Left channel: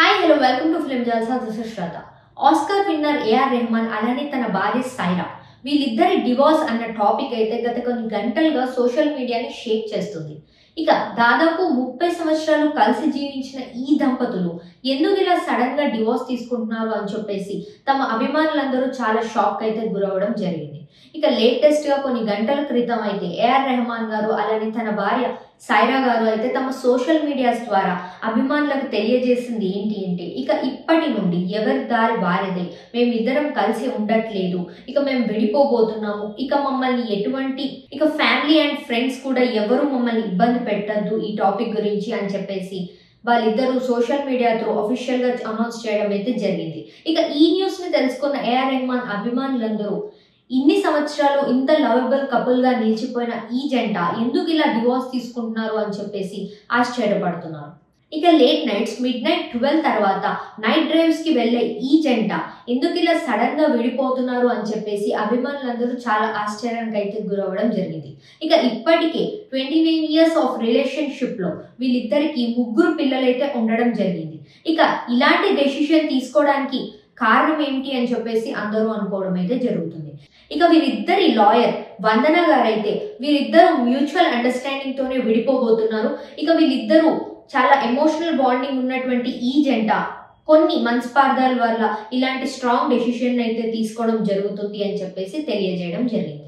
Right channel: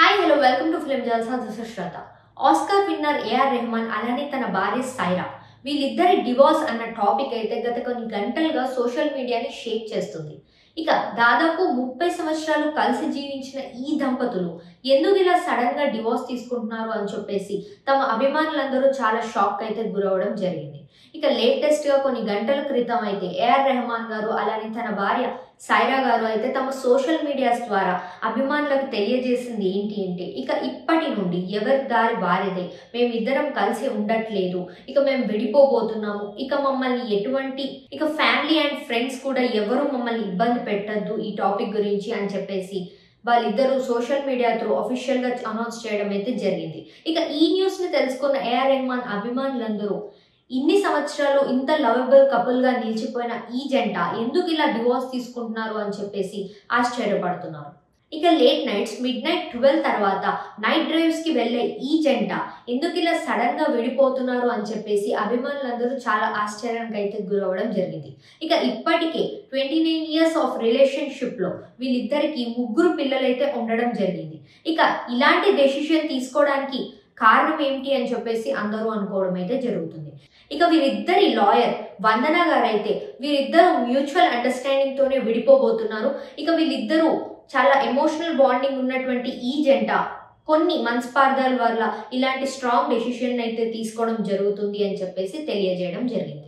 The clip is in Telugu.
Hi hello welcome to film Jalsa. This is Shraddha. Oscar winner A R Rahman అలానే తన భార్య సైరా వీళ్ళిద్దరి డివోర్స్ అన్న టాపిక్ అయితే గత కొన్ని గంటలుగా సోషల్ మీడియాని షేక్ చేస్తుంది. ఇక దాదాపు 30 సంవత్సరాలు కలిసి జీవించిన ఈ దంపతులు ఎందుకు ఇలా సడన్ గా డివోర్స్ తీసుకుంటున్నారు అని చెప్పేసి తమ అభిమానులందరూ చాలా షాక్ అయితే గురవడం జరిగింది. ఇక లేటెస్ట్ గా కొన్ని గంటల క్రితం అయితే ఏఆర్ రెహమాన్ గారు అలానే తన భార్య సైరా గారు అయితే తమ సోషల్ మీడియాస్ ద్వారా అభిమానులకు తెలియజేసింది ఏంటి అంటే, ఇక ఇప్పటి నుండి ఎవరి దారి వారిదే, మేమిద్దరం కలిసి ఉండట్లేదు, ఇక మేము విడిపోబోతున్నాము, ఇక మమ్మల్ని ఎటువంటి ఫ్యామిలీ అండ్ ఫ్రెండ్స్ కూడా ఎవరు మమ్మల్ని ఇబ్బంది పెట్టద్దు ఈ టాపిక్ గురించి అని చెప్పేసి వాళ్ళిద్దరూ సోషల్ మీడియా త్రూ అఫీషియల్ గా అనౌన్స్ చేయడం అయితే జరిగింది. ఇక ఈ న్యూస్ ని తెలుసుకున్న ఏఆర్ రెహమాన్ అభిమానులందరూ ఇన్ని సంవత్సరాలు ఇంత లవబుల్ కపుల్ గా నిలిచిపోయిన ఈ జంట ఎందుకు ఇలా డివోర్స్ తీసుకుంటున్నారు అని చెప్పేసి ఆశ్చర్యపడుతున్నారు. ఇక లేట్ నైట్స్ మిడ్ నైట్ 12 తర్వాత నైట్ డ్రైవ్స్ కి వెళ్లే ఈ జంట ఎందుకు ఇలా సడన్ గా విడిపోతున్నారు అని చెప్పేసి అభిమానులందరూ చాలా ఆశ్చర్యానికి అయితే గురవడం జరిగింది. ఇక ఇప్పటికే 29 ఇయర్స్ ఆఫ్ రిలేషన్షిప్ లో వీళ్ళిద్దరికి 3 పిల్లలైతే ఉండడం జరిగింది. ఇక ఇలాంటి డెసిషన్ తీసుకోవడానికి కారణం ఏంటి అని చెప్పేసి అందరూ అనుకోవడం అయితే జరుగుతుంది. ఇక వీరిద్దరి లాయర్ వందన గారైతే వీరిద్దరూ మ్యూచువల్ అండర్స్టాండింగ్ తోనే విడిపోబోతున్నారు. ఇక వీళ్ళిద్దరూ చాలా ఎమోషనల్ బాండింగ్ ఉన్నటువంటి ఈ జంట కొన్ని మనస్పార్థాల వల్ల ఇలాంటి స్ట్రాంగ్ డెసిషన్ అయితే తీసుకోవడం జరుగుతుంది అని చెప్పేసి తెలియజేయడం జరిగింది.